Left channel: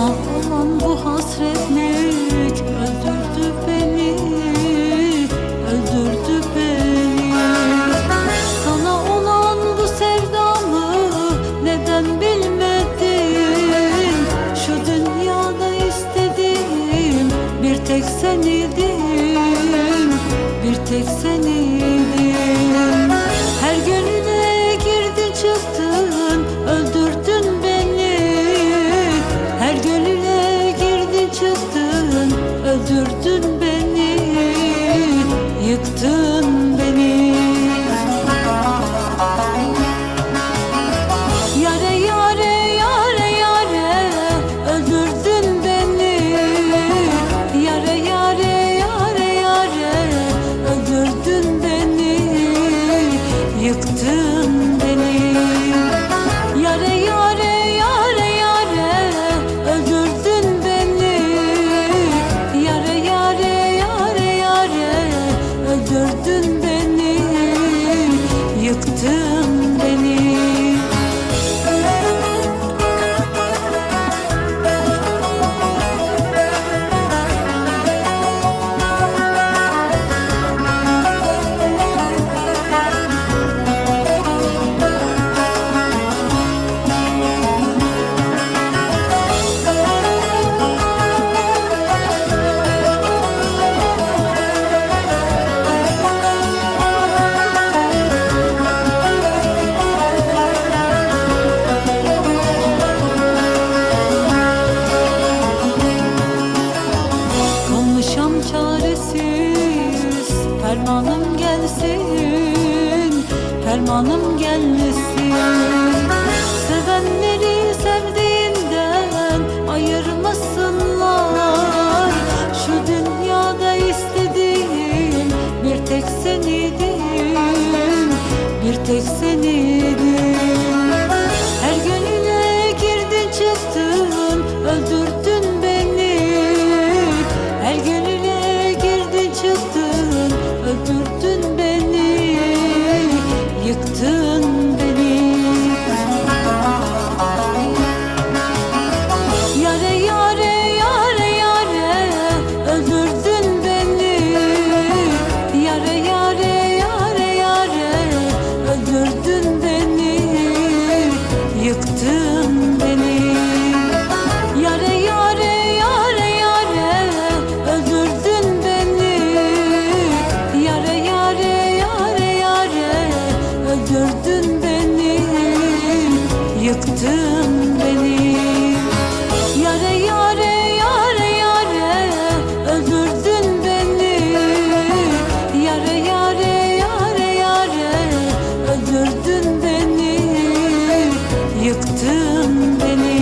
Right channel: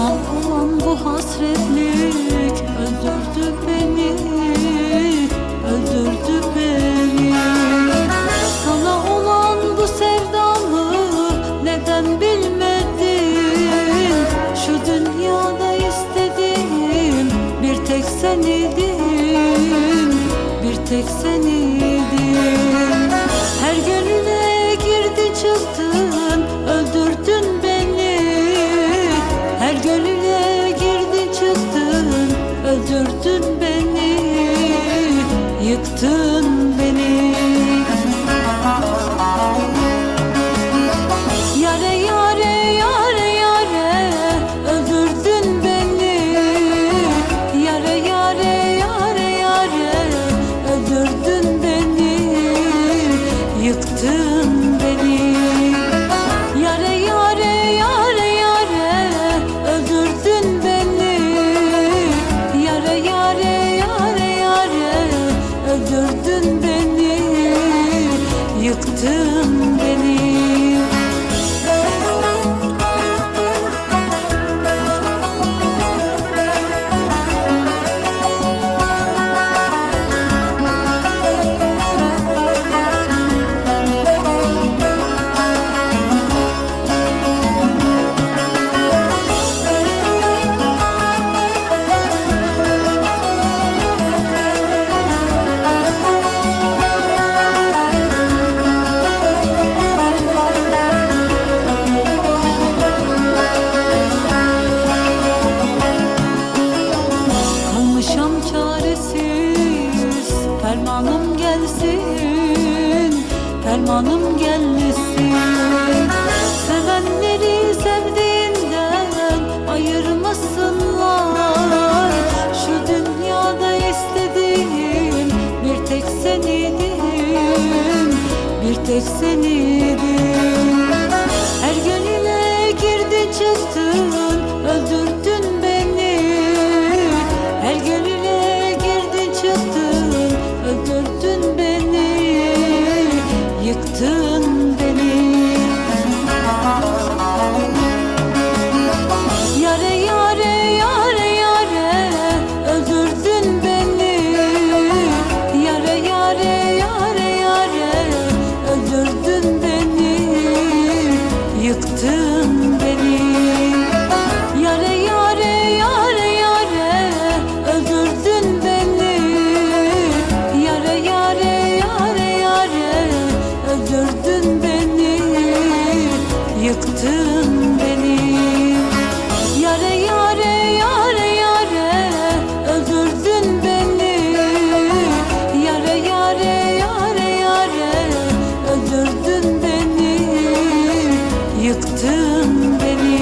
Sana olan bu hasretlik öldürdü beni Öldürdü beni. Sana olan bu sevdamı neden bilmedin? Şu dünyada istediğim bir tek sen Bir tek sen Her gün Her gönüle girdin çıktın Öldürdün beni Yıktın beni. Yare yare yare yare öldürdün beni. Yare yare yare yare öldürdün beni Yıktın beni öldürdün beni Yıktın beni Kalmışam çaresiz Fermanım gelsin Fermanım gelsin Sevenleri sevdiğinden ayırmasınlar. Şu dünyada istediğim bir tek sen idin Bir tek sen idin Her gönüle girdin çıktın Öldürdün gönüle girdin çıktın Öldürdün beni Yıktın beni. Yare yare yare yare Öldürdün beni. Yare yare yare yare Öldürdün beni Yıktın öldürdün beni Yıktın beni. Yare yare yare yare öldürdün beni. Yare yare yare yare öldürdün beni. Yıktın beni